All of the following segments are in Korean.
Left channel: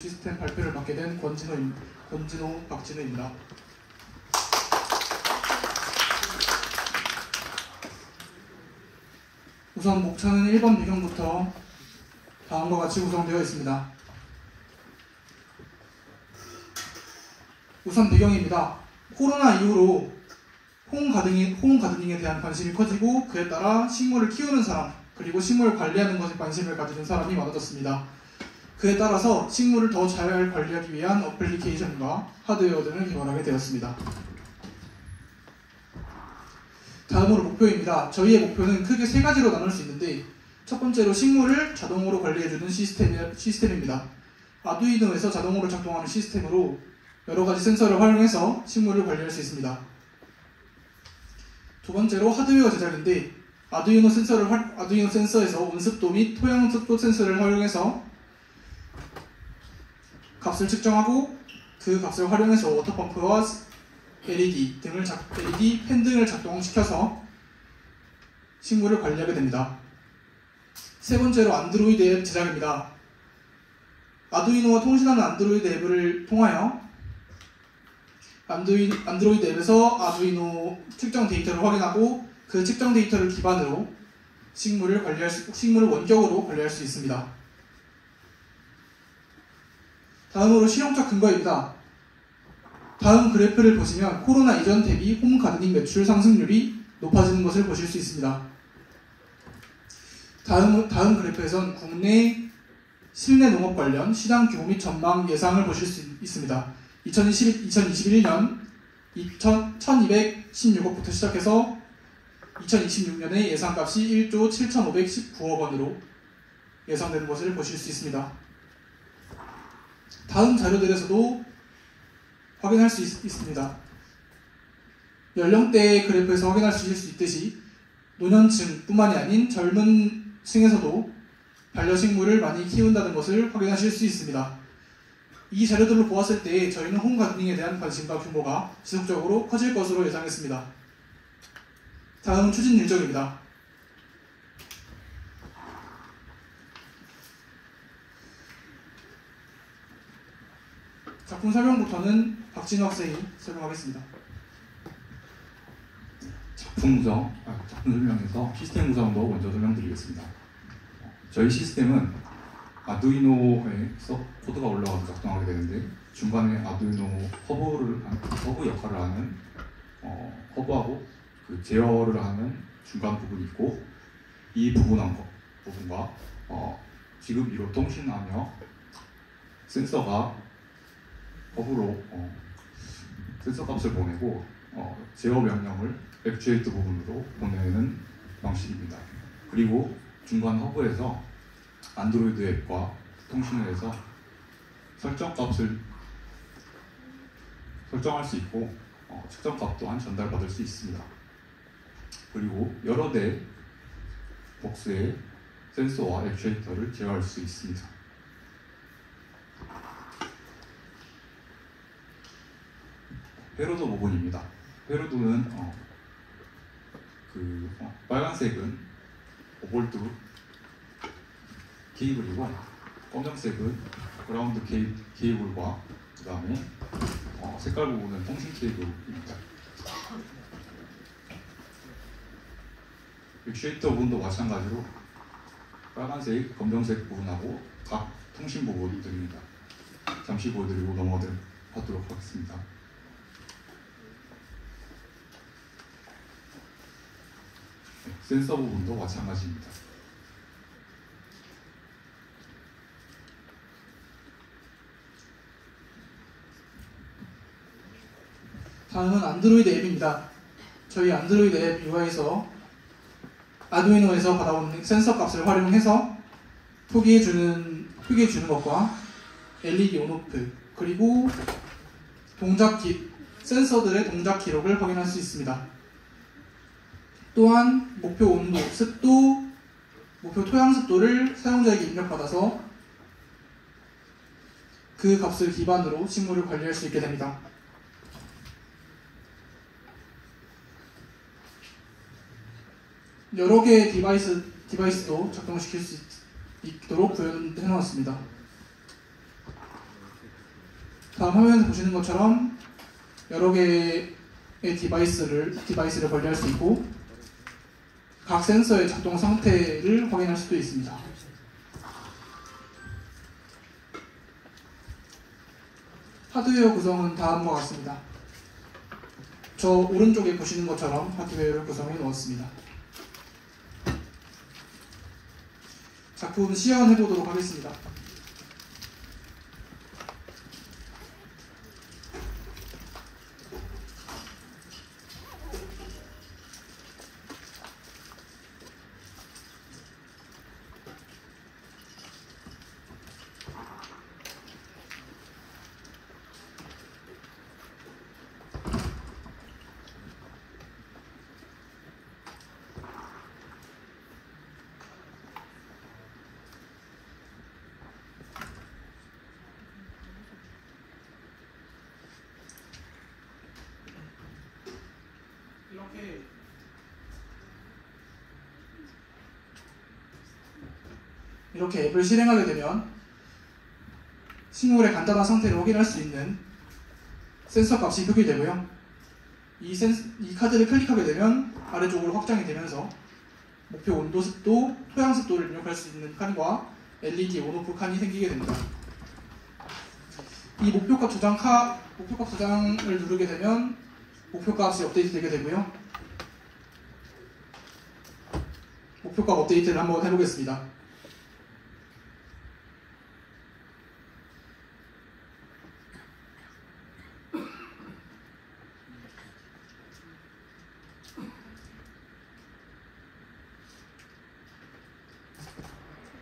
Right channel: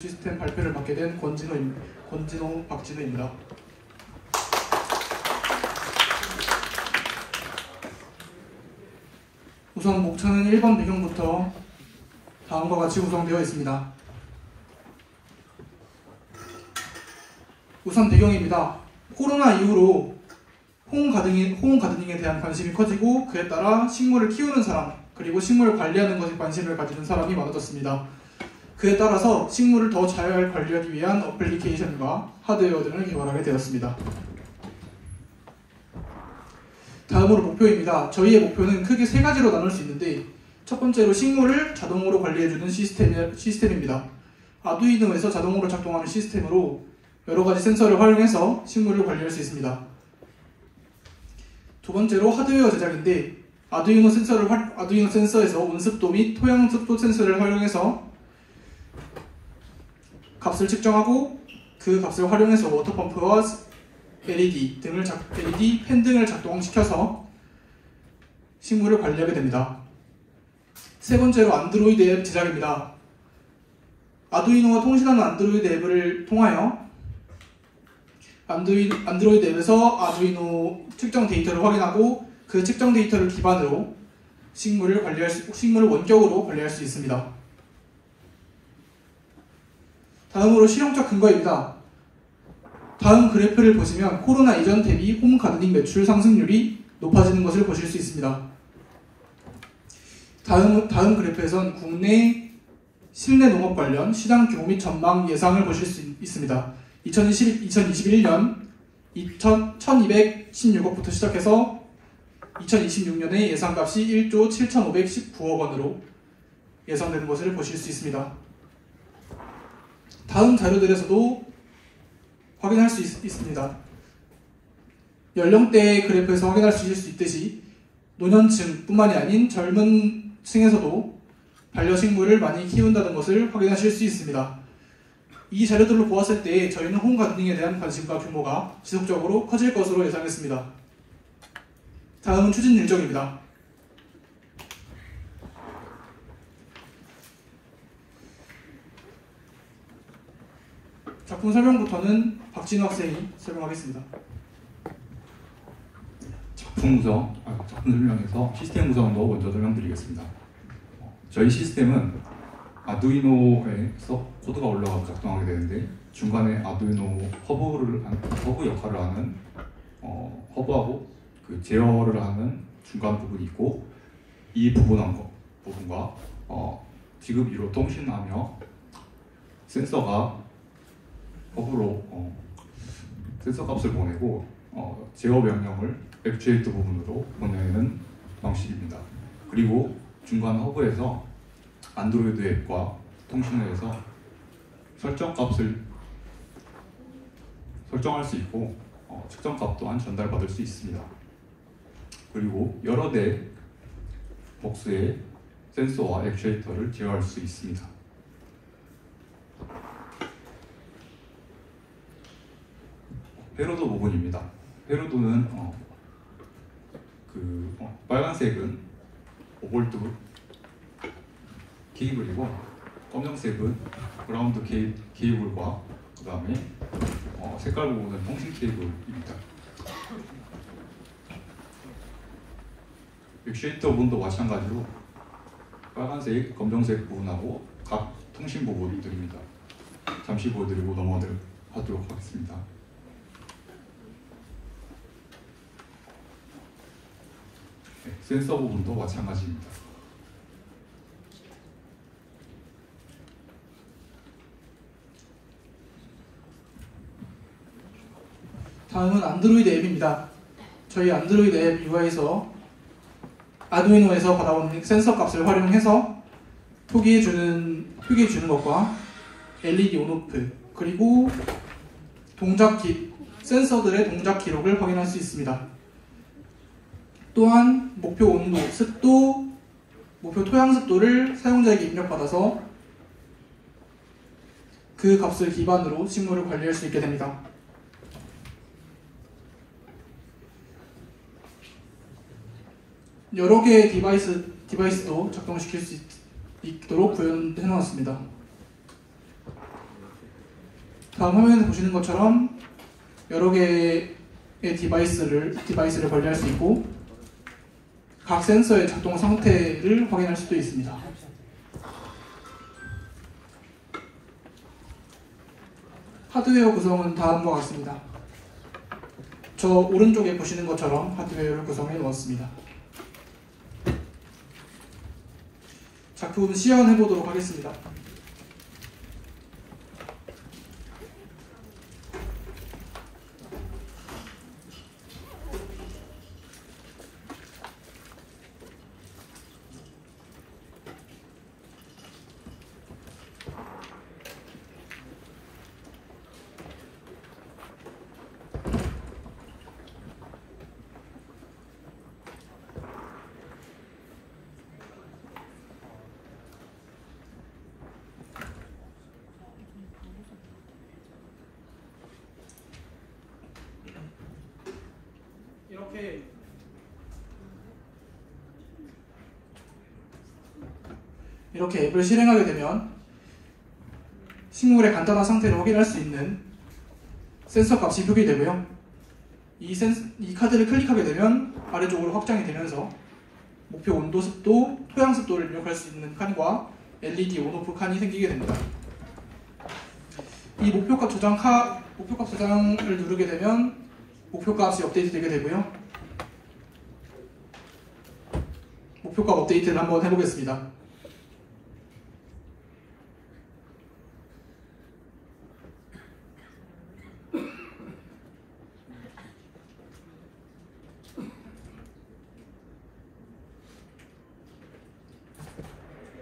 시스템 발표를 맡게 된 박진호입니다. 우선 목차는 1번 배경부터 다음과 같이 구성되어 있습니다. 우선 배경입니다. 코로나 이후로 홈 가드닝에 대한 관심이 커지고 그에 따라 식물을 키우는 사람 그리고 식물을 관리하는 것에 관심을 가지는 사람이 많아졌습니다. 그에 따라서 식물을 더 잘 관리하기 위한 어플리케이션과 하드웨어 등을 개발하게 되었습니다. 다음으로 목표입니다. 저희의 목표는 크게 세 가지로 나눌 수 있는데 첫 번째로 식물을 자동으로 관리해주는 시스템입니다. 아두이노에서 자동으로 작동하는 시스템으로 여러 가지 센서를 활용해서 식물을 관리할 수 있습니다. 두 번째로 하드웨어 제작인데 아두이노 센서에서 온습도 및 토양 습도 센서를 활용해서 값을 측정하고 그 값을 활용해서 워터펌프와 LED 팬 등을 작동시켜서 식물을 관리하게 됩니다. 세 번째로 안드로이드 앱 제작입니다. 아두이노와 통신하는 안드로이드 앱을 통하여 안드로이드 앱에서 아두이노 측정 데이터를 확인하고 그 측정 데이터를 기반으로 식물을 원격으로 관리할 수 있습니다. 다음으로 실용적 근거입니다. 다음 그래프를 보시면 코로나 이전 대비 홈 가드닝 매출 상승률이 높아지는 것을 보실 수 있습니다. 다음 그래프에선 국내 실내 농업 관련 시장 규모 및 전망 예상을 보실 수 있습니다. 2021년 1216억부터 시작해서 2026년에 예상값이 1조 7,519억 원으로 예상되는 것을 보실 수 있습니다. 다음 자료들에서도 확인할 수 있습니다. 연령대 그래프에서 확인하실 수 있듯이 노년층뿐만이 아닌 젊은 층에서도 반려식물을 많이 키운다는 것을 확인하실 수 있습니다. 이 자료들로 보았을 때 저희는 홈 가드닝에 대한 관심과 규모가 지속적으로 커질 것으로 예상했습니다. 다음은 추진 일정입니다. 작품 설명부터는 박진호 학생이 설명하겠습니다. 작품 설명에서 시스템 구성도 먼저 설명드리겠습니다. 저희 시스템은 아두이노에서 코드가 올라가서 작동하게 되는데 중간에 아두이노 허브 역할을 하는 허브하고 그 제어를 하는 중간 부분이 있고 이 부분과 지급 위로 통신하며 센서가 허브로 센서 값을 보내고 제어 명령을 액추에이터 부분으로 보내는 방식입니다. 그리고 중간 허브에서 안드로이드 앱과 통신을 해서 설정값을 설정할 수 있고 측정값 또한 전달받을 수 있습니다. 그리고 여러 대 복수의 센서와 액추에이터를 제어할 수 있습니다. 회로도 부분입니다. 회로도는 빨간색은 5V 케이블이고 검정색은 그라운드 케이블과 그 다음에 색깔 부분은 통신 케이블입니다. 액추에이터 부분도 마찬가지로 빨간색, 검정색 부분하고 각 통신 부분들입니다. 잠시 보여드리고 넘어가도록 하겠습니다. 센서 부분도 마찬가지입니다. 다음은 안드로이드 앱입니다. 저희 안드로이드 앱 UI에서 아두이노에서 받아온 센서 값을 활용해서 표기해 주는 것과 LED 온오프 그리고 센서들의 동작 기록을 확인할 수 있습니다. 또한 목표 온도, 습도, 목표 토양 습도를 사용자에게 입력받아서 그 값을 기반으로 식물을 관리할 수 있게 됩니다. 여러 개의 디바이스도 작동시킬 수 있도록 구현해 놓았습니다. 다음 화면에서 보시는 것처럼 여러 개의 디바이스를 관리할 수 있고 각 센서의 작동 상태를 확인할 수도 있습니다. 하드웨어 구성은 다음과 같습니다. 저 오른쪽에 보시는 것처럼 하드웨어를 구성해 놓았습니다. 작품 시연해 보도록 하겠습니다. 이렇게 앱을 실행하게 되면 식물의 간단한 상태를 확인할 수 있는 센서 값이 표기되고요. 이 카드를 클릭하게 되면 아래쪽으로 확장이 되면서 목표 온도, 습도, 토양 습도를 입력할 수 있는 칸과 LED 온오프 칸이 생기게 됩니다. 이 목표값 저장을 누르게 되면 목표값이 업데이트되게 되고요. 목표값 업데이트를 한번 해보겠습니다.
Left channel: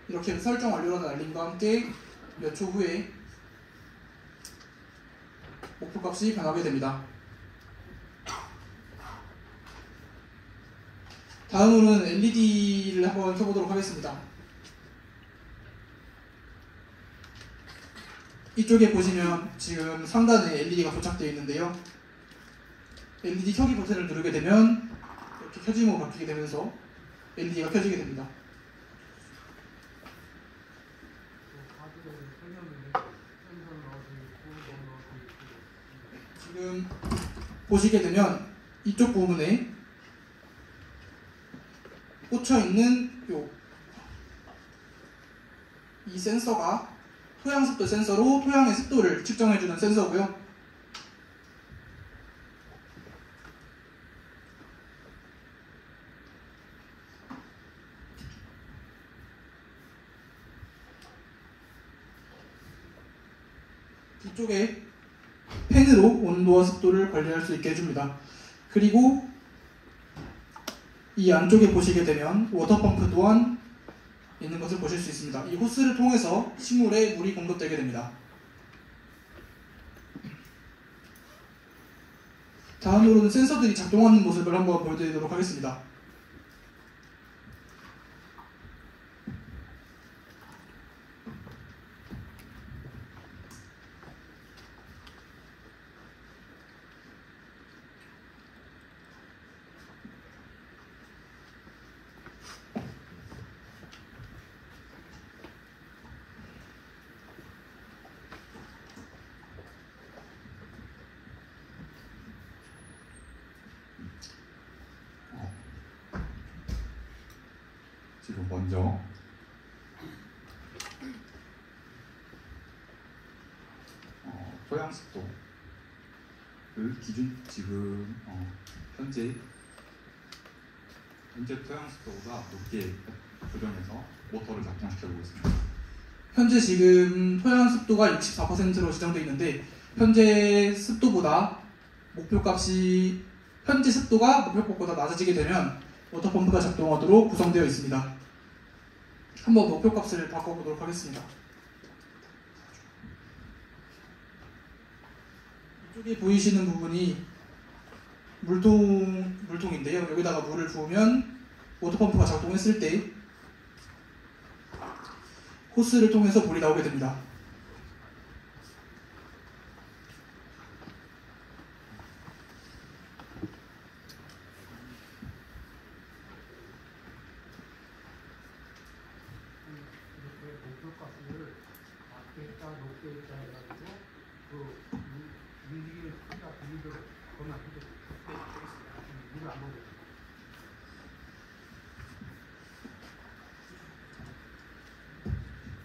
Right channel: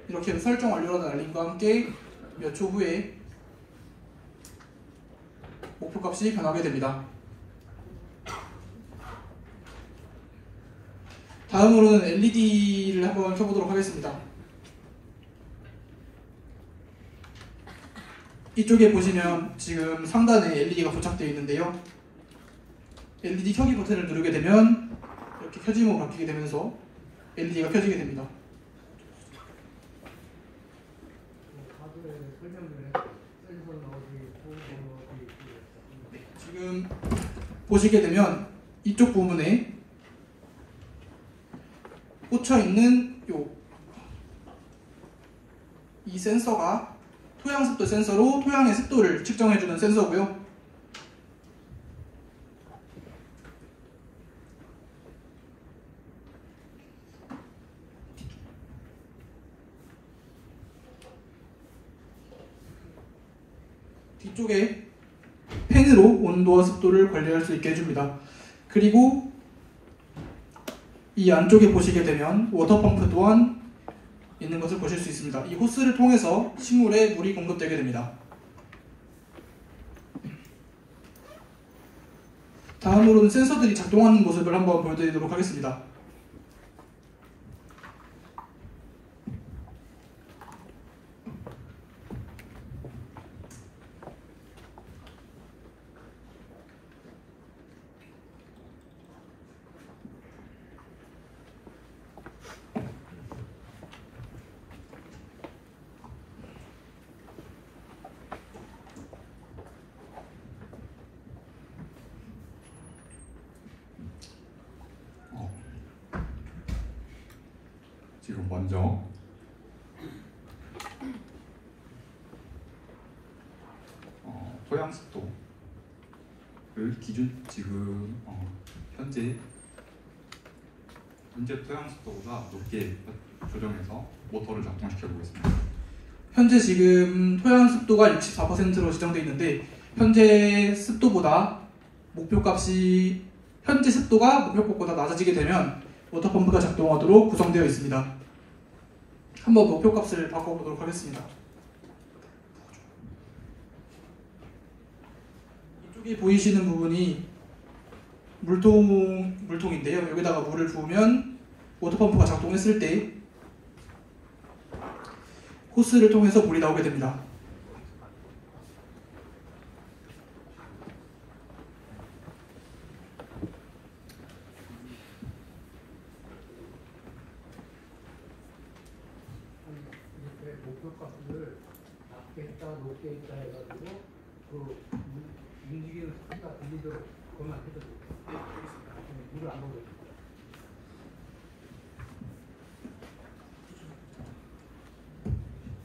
이렇게 설정 완료라는 알림과 함께 몇 초 후에 목표값이 변하게 됩니다. 다음으로는 LED를 한번 켜보도록 하겠습니다. 이쪽에 보시면 지금 상단에 LED가 부착되어 있는데요. LED 켜기 버튼을 누르게 되면 이렇게 켜짐으로 바뀌게 되면서 LED가 켜지게 됩니다. 지금 보시게 되면 이쪽 부분에 꽂혀 있는 이 센서가 토양습도 센서로 토양의 습도를 측정해주는 센서고요. 뒤쪽에 펜으로 온도와 습도를 관리할 수 있게 해줍니다. 그리고 이 안쪽에 보시게 되면 워터펌프 또한 있는 것을 보실 수 있습니다. 이 호스를 통해서 식물에 물이 공급되게 됩니다. 다음으로는 센서들이 작동하는 모습을 한번 보여드리도록 하겠습니다. 지금 먼저 토양 습도를 기준 지금 현재 토양 습도보다 높게 조정해서 모터를 작동시켜 보겠습니다. 현재 지금 토양 습도가 64%로 지정되어 있는데 현재 습도가 목표값보다 낮아지게 되면 워터펌프가 작동하도록 구성되어 있습니다. 한번 목표값을 바꿔보도록 하겠습니다. 이쪽에 보이시는 부분이 물통인데요. 여기다가 물을 부으면 워터펌프가 작동했을 때 호스를 통해서 물이 나오게 됩니다. 목표값을 낮게 있다, 높게 있다 해가지고 그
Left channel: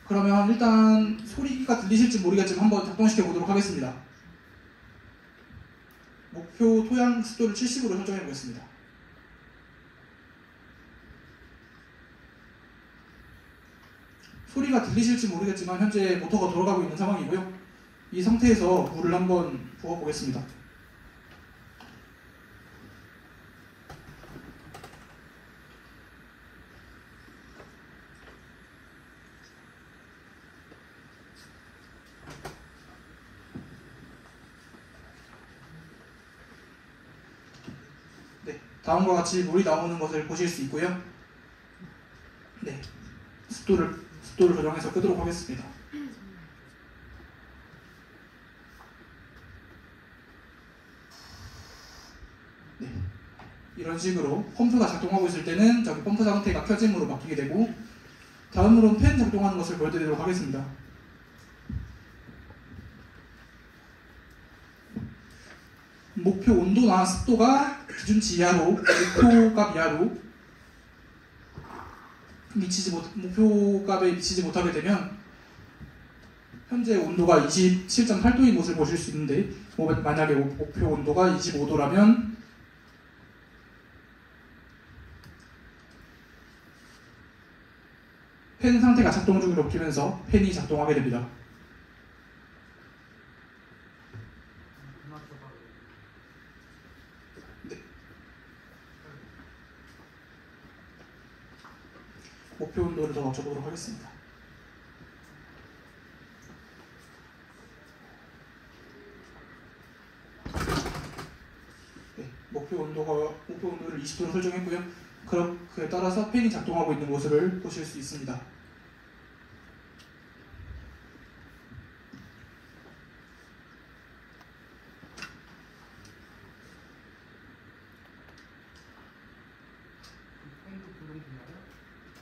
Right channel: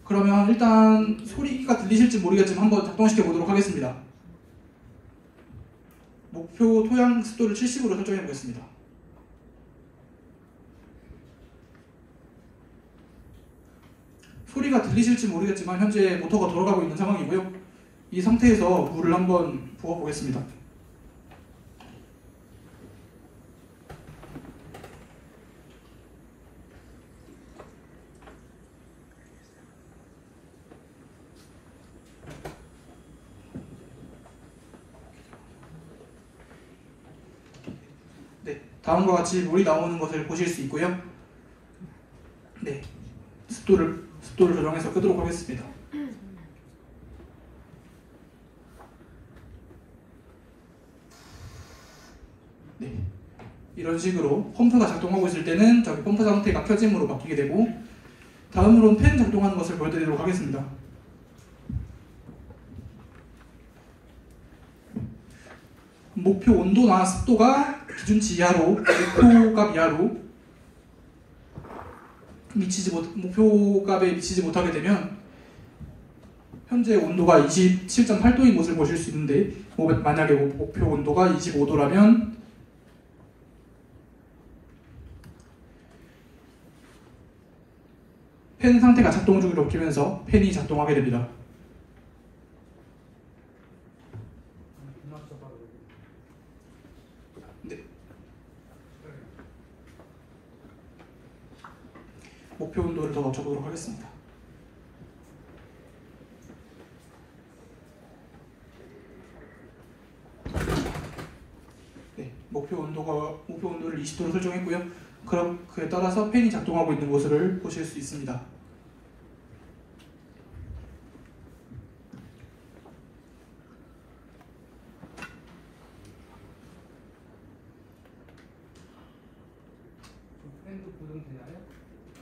그러면 일단 소리가 들리실지 모르겠지만 한번 작동시켜 보도록 하겠습니다. 목표 토양 습도를 70으로 설정해 보겠습니다. 소리가 들리실지 모르겠지만 현재 모터가 돌아가고 있는 상황이고요. 이 상태에서 물을 한번 부어 보겠습니다. 네, 다음과 같이 물이 나오는 것을 보실 수 있고요. 네, 습도를 조정해서 끄도록 하겠습니다. 네, 이런 식으로 펌프가 작동하고 있을 때는 저기 펌프 상태가 켜짐으로 바뀌게 되고, 다음으로는 팬 작동하는 것을 보여드리도록 하겠습니다. 목표 온도나 습도가 기준치 이하로, 목표값 이하로 목표값에 미치지 못하게 되면 현재 온도가 27.8도인 것을 보실 수 있는데, 만약에 목표 온도가 25도라면 팬 상태가 작동 중으로 바뀌면서 팬이 작동하게 됩니다. 네. 목표 온도를 더 맞춰보도록 하겠습니다. 네, 목표 온도를 20도로 설정했고요. 그에 따라서 팬이 작동하고 있는 것을 보실 수 있습니다.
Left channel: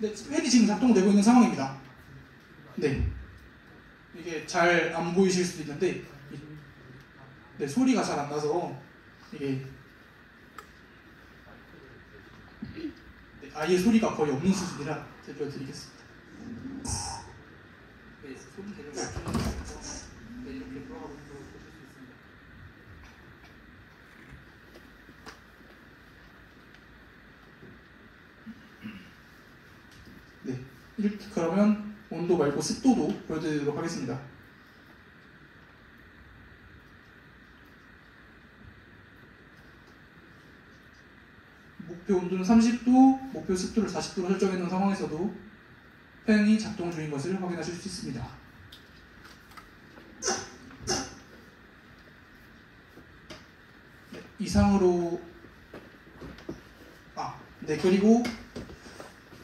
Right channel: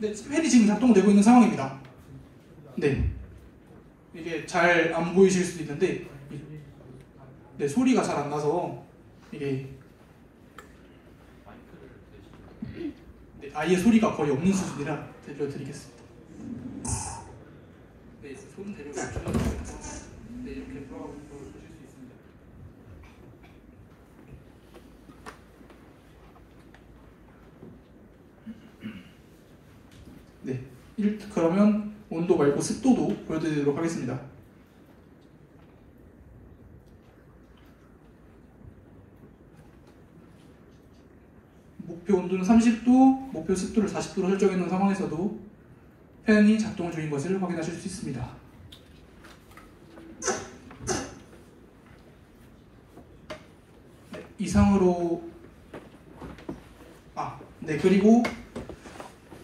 네, 팬이 지금 작동되고 있는 상황입니다. 네, 이게 잘 안 보이실 수도 있는데, 네, 소리가 잘 안 나서 이게 네, 아예 소리가 거의 없는 수준이라 들려드리겠습니다. 네, 소리 대략 네, 이렇게 돌아가고 있는 걸 보실 수 있습니다. 네, 그러면 온도 말고 습도도 보여드리도록 하겠습니다. 목표 온도는 30도, 목표 습도를 40도로 설정해 놓은 상황에서도 팬이 작동 중인 것을 확인하실 수 있습니다. 네, 이상으로 네, 그리고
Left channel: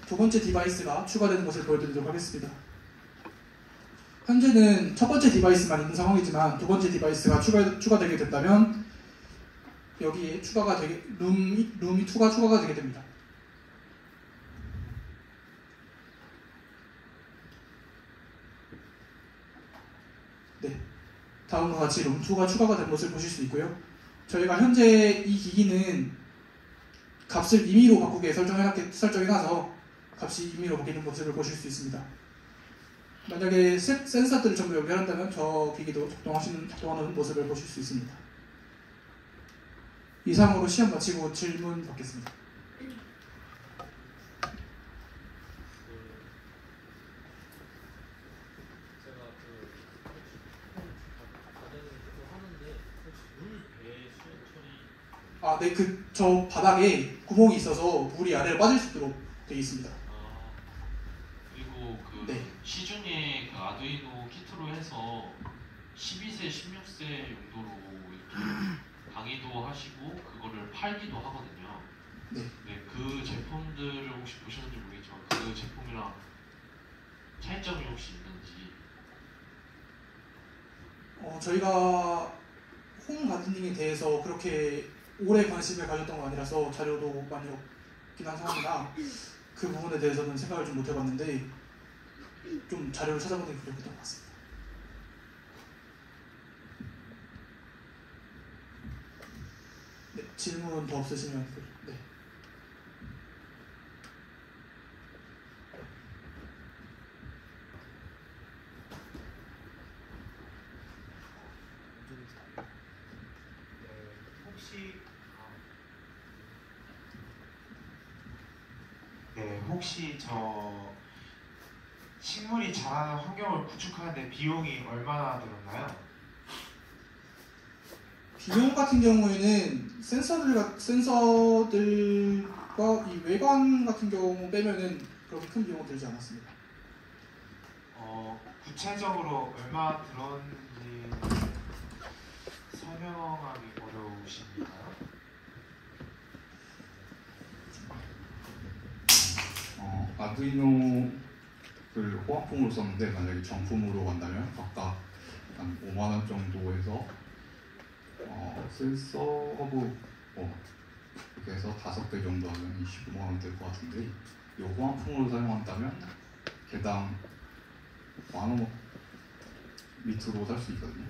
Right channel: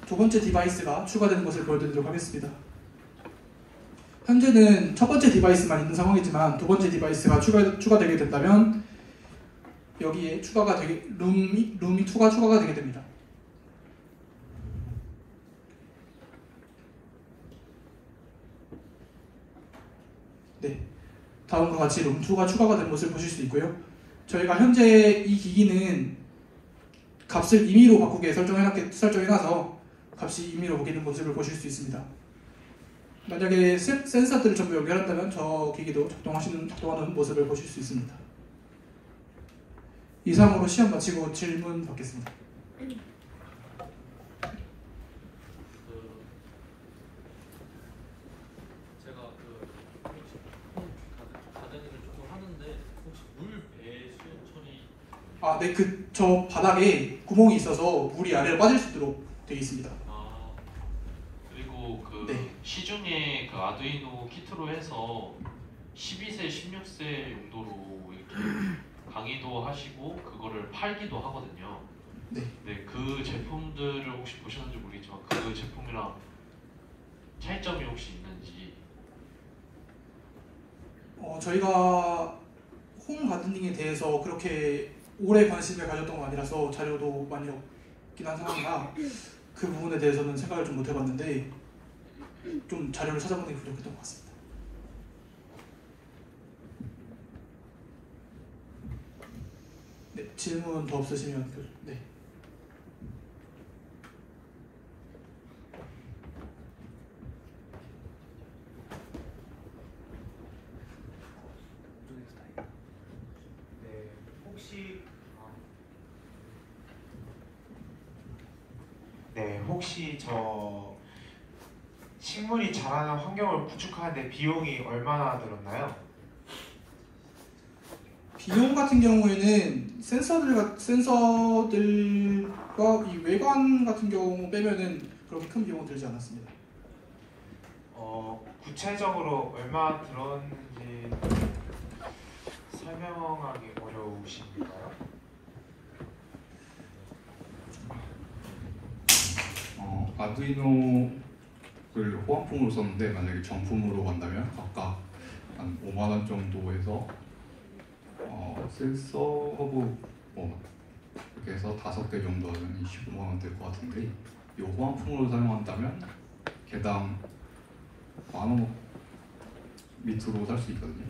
두 번째 디바이스가 추가되는 것을 보여드리도록 하겠습니다. 현재는 첫 번째 디바이스만 있는 상황이지만 두 번째 디바이스가 추가되게 된다면 여기에 룸이 2가 추가가 되게 됩니다. 네, 다음과 같이 룸2가 추가가 된 것을 보실 수 있고요. 저희가 현재 이 기기는 값을 임의로 바꾸게 설정해놔서 값이 임의로 바뀌는 모습을 보실 수 있습니다. 만약에 센서들을 전부 연결한다면 저 기기도 작동하는 모습을 보실 수 있습니다. 이상으로 시험 마치고 질문 받겠습니다. 네, 저 바닥에 구멍이 있어서 물이 아래로 빠질 수 있도록 되어 있습니다. 그리고 네. 시중에 아두이노 키트로 해서 12세, 16세 용도로 이렇게 강의도 하시고 그거를 팔기도 하거든요. 네. 네, 그 제품들을 혹시 보셨는지 모르겠지만 그 제품이랑 차이점이 혹시 있는지. 저희가 홈 가드닝에 대해서 그렇게 오래 관심을 가졌던 건 아니라서 자료도 많이 없긴 한 상황이라 그 부분에 대해서는 생각을 좀 못 해봤는데 좀 자료를 찾아보는 게 부족했던 것 같습니다. 질문 더 없으시면 네. 네, 혹시 혹시 저 식물이 자라는 환경을 구축하는데 비용이 얼마나 들었나요? 비용 같은 경우에는 센서들과 이 외관 같은 경우 빼면은 그렇게 큰 비용은 들지 않았습니다. 구체적으로 얼마 들었는지 설명하기 어려우신가요? 아두이노를 호환품으로 썼는데 만약에 정품으로 간다면 아까 한 5만 원 정도에서 센서하고 이렇게 해서 5개 정도 하면 25만 원 될 것 같은데 이 호환품으로 사용한다면 개당 10,000원 밑으로 살 수 있거든요.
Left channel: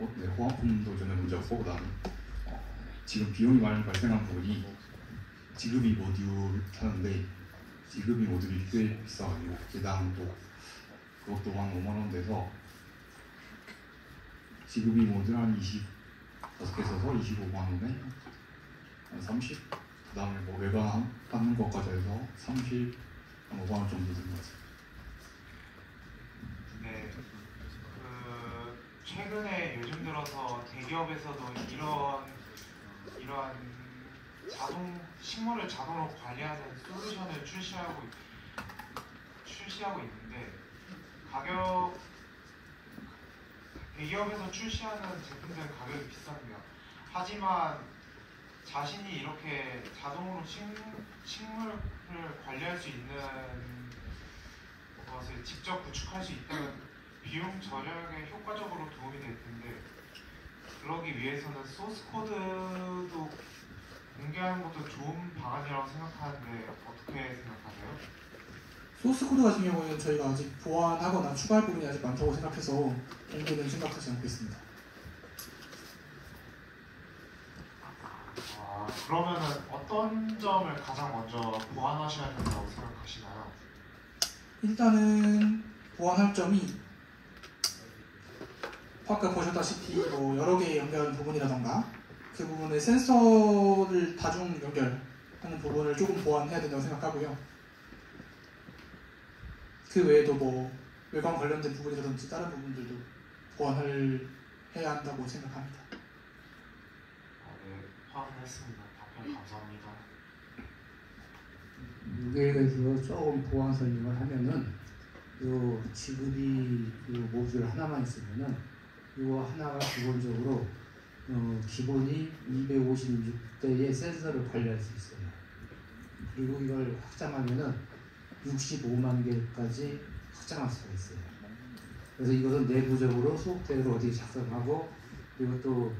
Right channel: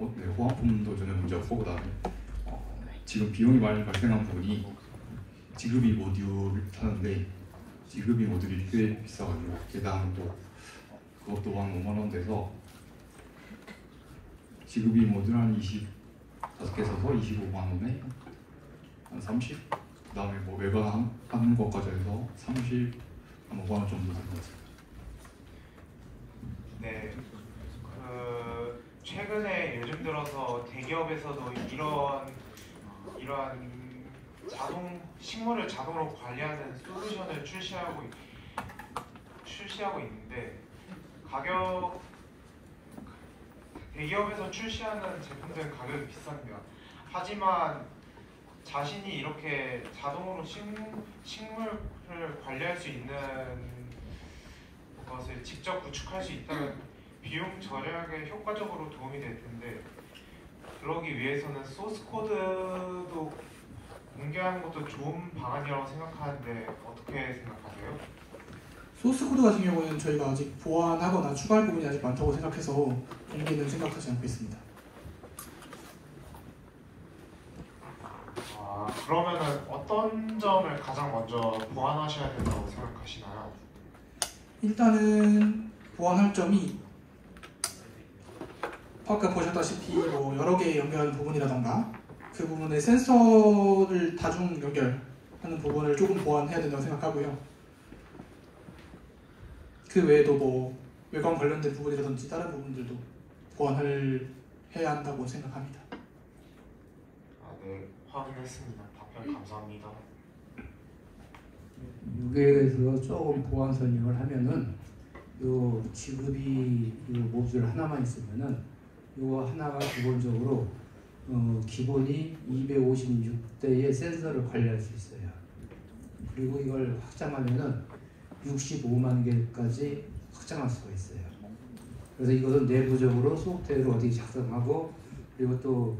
네, 호환품도 주는 문제가 크고 그다음에 지금 비용이 많이 발생한 부분이 지급이 모듈을 사는데 지급이 모듈이 꽤 비싸거든요. 개당 또 그것도 한 5만 원 돼서 지급이 모듈 한 25개 사서 25만 원에 한 30? 그 다음에 뭐 외관 하는 것까지 해서 30, 한 5만 원 정도 되는 것 같아요. 네, 최근에 요즘 들어서 대기업에서도 이러한 식물을 자동으로 관리하는 솔루션을 출시하고 있는데 대기업에서 출시하는 제품들은 가격이 비쌉니다. 하지만 자신이 이렇게 자동으로 식물을 관리할 수 있는 것을 직접 구축할 수 있다면 비용 절약에 효과적으로 도움이 될 텐데 그러기 위해서는 소스 코드도 공개하는 것도 좋은 방안이라고 생각하는데 어떻게 생각하세요? 소스 코드 같은 경우에는 저희가 아직 보완하거나 추가할 부분이 아직 많다고 생각해서 공개는 생각하지 않고 있습니다. 그러면은 어떤 점을 가장 먼저 보완하셔야 된다고 생각하시나요? 일단은 보완할 점이 아까 보셨다시피 뭐 여러 개 연결 부분이라던가 그 부분에 센서를 다중 연결하는 부분을 조금 보완해야 된다고 생각하고요. 그 외에도 뭐 외관 관련된 부분이라든지 다른 부분들도 보완을 해야 한다고 생각합니다. 네, 확인했습니다. 답변 감사합니다. 무게에 대해서 조금 보완 설명을 하면은 요 지급이 요 모듈 하나만 있으면은 요 하나가 기본적으로 기본이 256대의 센서를 관리할 수 있어요. 그리고 이걸 확장하면은 65만 개까지 확장할 수가 있어요. 그래서 이것은 내부적으로 소프트웨어를 어디에 작성하고 이것도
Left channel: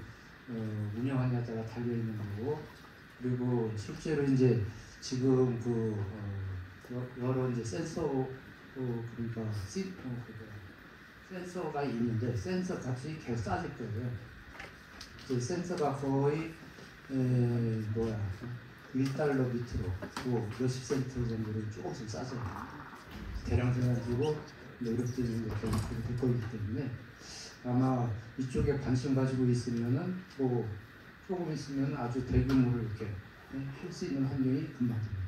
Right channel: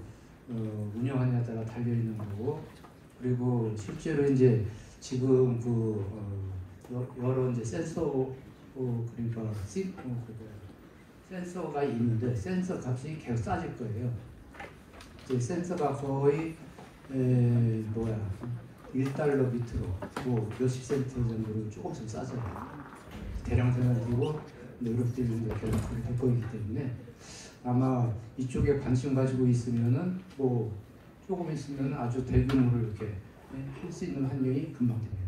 운영하냐에 따라 달려 있는 거고, 그리고 실제로 이제 지금 여러 이제 센서가 있는데 센서 값이 계속 싸질 거예요. 이제 센서가 거의 1달러 밑으로 뭐 몇십 센트 정도로 조금씩 싸져요. 대량 생산이고 노력들이 이렇게 될 거기 때문에 아마 이쪽에 관심 가지고 있으면은 뭐 조금 있으면 아주 대규모로 이렇게 할 수 있는 환경이 금방 됩니다.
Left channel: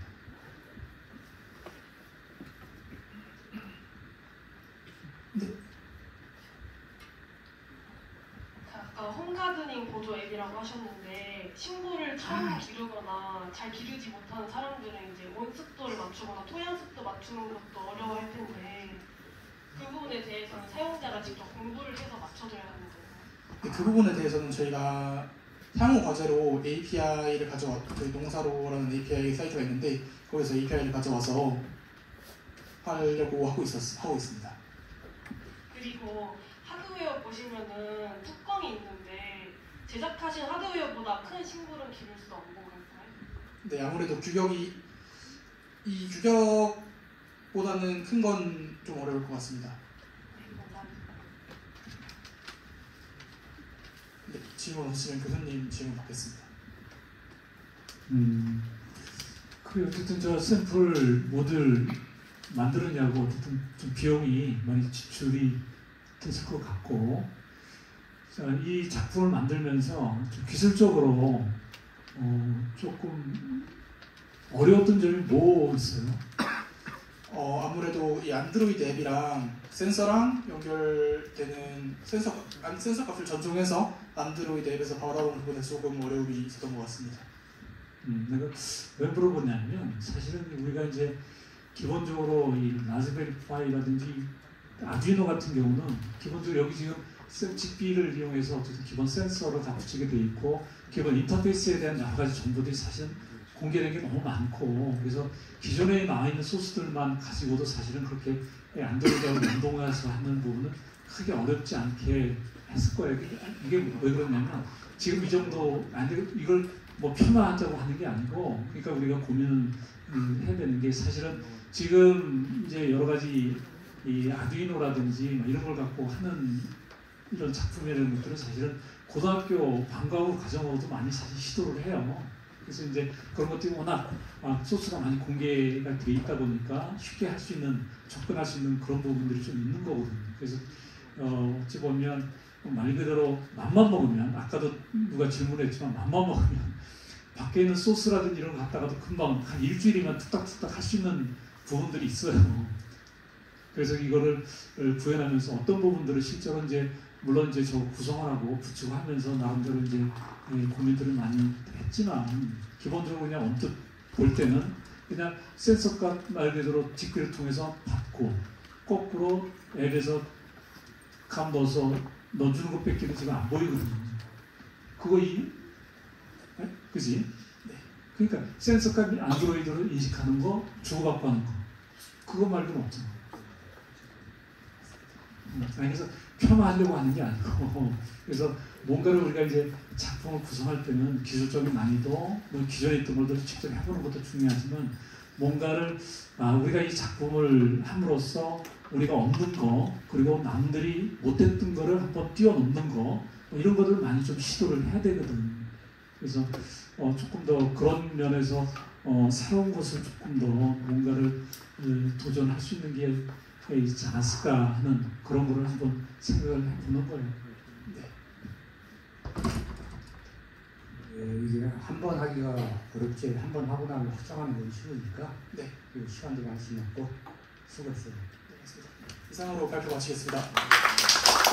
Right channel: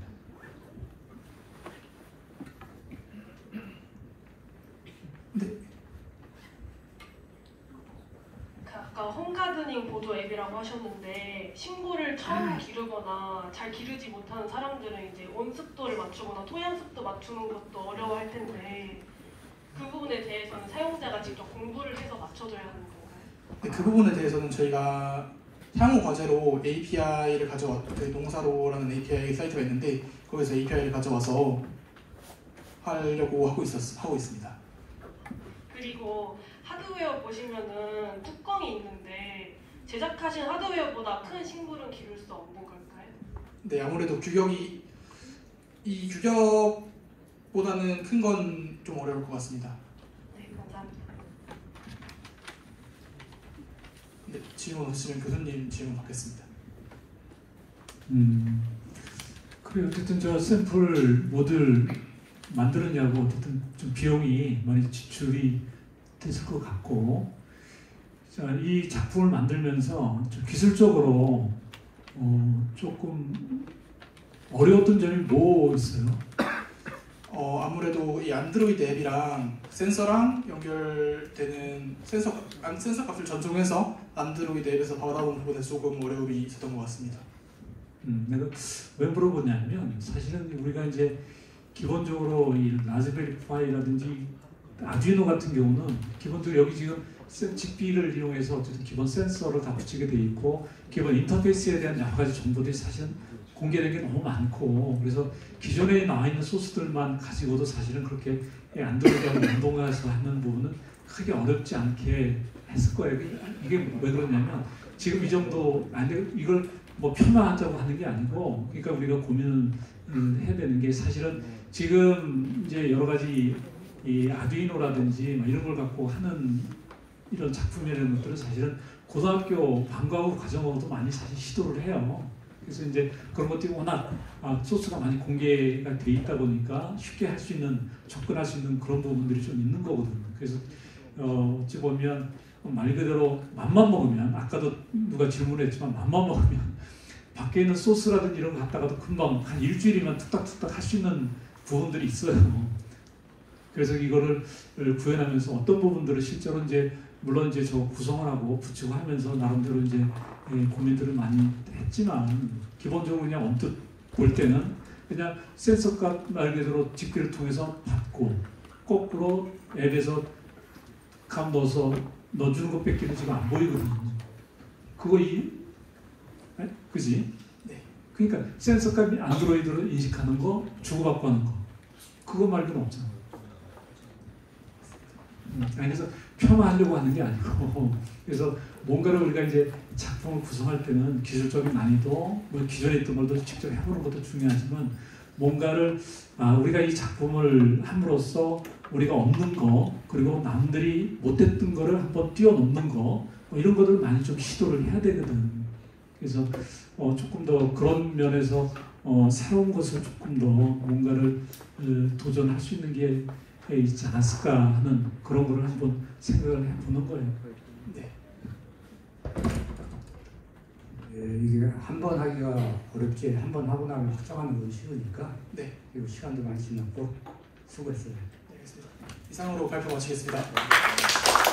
아까 홈가드닝 보조 앱이라고 하셨는데 식물을 처음 기르거나 잘 기르지 못하는 사람들은 이제 온습도를 맞추거나 토양 습도 맞추는 것도 어려워할 텐데 그 부분에 대해서는 사용자가 직접 공부를 해서 맞춰줘야 하는 건가요? 네, 그 부분에 대해서는 저희가 향후 과제로 API를 저희 농사로라는 API 사이트가 있는데 거기서 API를 가져와서 하려고 하고 있습니다. 그리고 하드웨어 보시면은 뚜껑이 있는데 제작하신 하드웨어보다 큰 식물은 기를 수 없는 걸까요? 네, 아무래도 이 규격보다는 큰 건 좀 어려울 것 같습니다. 네, 감사합니다. 네, 질문 없으시면 교수님 질문 받겠습니다. 그래 어쨌든 저 샘플 모델 만들었냐고 어쨌든 좀 비용이 많이 지출이 됐을 것 같고, 자, 이 작품을 만들면서 좀 기술적으로 조금 어려웠던 점이 뭐 있어요? 아무래도 이 안드로이드 앱이랑 센서랑 연결되는 센서 값을 전송해서 안드로이드 앱에서 받아오는 부분에 조금 어려움이 있었던 것 같습니다. 내가 왜 물어보냐면 사실은 우리가 이제 기본적으로 이 라즈베리 파이라든지 아두이노 같은 경우는 기본적으로 여기 지금 ZigBee를 이용해서 어쨌든 기본 센서를 다 붙이게 돼 있고 기본 인터페이스에 대한 여러 가지 정보들이 사실은 공개된 게 너무 많고, 그래서 기존에 나와 있는 소스들만 가지고도 사실은 그렇게 안드로이드하고 연동해서 하는 부분은 크게 어렵지 않게 했을 거예요. 이게 왜 그러냐면 지금 이 정도 이걸 뭐 폄하하자고 하는 게 아니고, 그러니까 우리가 고민을 해야 되는 게 사실은 지금 이제 여러 가지 이 아두이노라든지 뭐 이런 걸 갖고 하는 이런 작품이라는 것들은 사실은 고등학교 방과후 과정으로도 많이 사실 시도를 해요. 그래서 이제 그런 것들이 워낙 소스가 많이 공개가 돼 있다 보니까 쉽게 할 수 있는, 접근할 수 있는 그런 부분들이 좀 있는 거거든요. 그래서 어찌 보면 말 그대로 맘만 먹으면, 아까도 누가 질문을 했지만 맘만 먹으면 밖에 있는 소스라든지 이런 거 갖다가도 금방 한 일주일이면 툭딱툭딱 할 수 있는 부분들이 있어요. 그래서 이거를 구현하면서 어떤 부분들을 실제로 이제 물론 이제 저 구성하고 붙이고 하면서 나름대로 이제 고민들을 많이 했지만, 기본적으로 그냥 언뜻 볼 때는 그냥 센서값 말 그대로 뒷글을 통해서 받고 거꾸로 앱에서 감 넣어서 넣어주는 것 뺏기는 지금 안 보이거든요. 그거 그지? 네. 그러니까 센서값이 안드로이드로 인식하는 거, 주고받고 하는 거, 그거 말고는 없잖아요. 그래서 폄하하려고 하는 게 아니고, 그래서 뭔가를 우리가 이제 작품을 구성할 때는 기술적인 난이도, 뭐 기존에 있던 것도 직접 해보는 것도 중요하지만, 뭔가를 우리가 이 작품을 함으로써 우리가 얻는 거, 그리고 남들이 못했던 거를 한번 뛰어넘는 거, 뭐 이런 것들 많이 좀 시도를 해야 되거든. 그래서 조금 더 그런 면에서 새로운 것을 조금 더 뭔가를 도전할 수 있는 게 있지 않았을까 하는 그런 거를 한번 생각을 해보는 거예요. 이게 한 번 하기가 어렵지, 한 번 하고 나면 확정하는 건 쉬우니까 네. 이 시간도 많이 지났고 수고했어요. 알겠습니다. 이상으로 발표 마치겠습니다.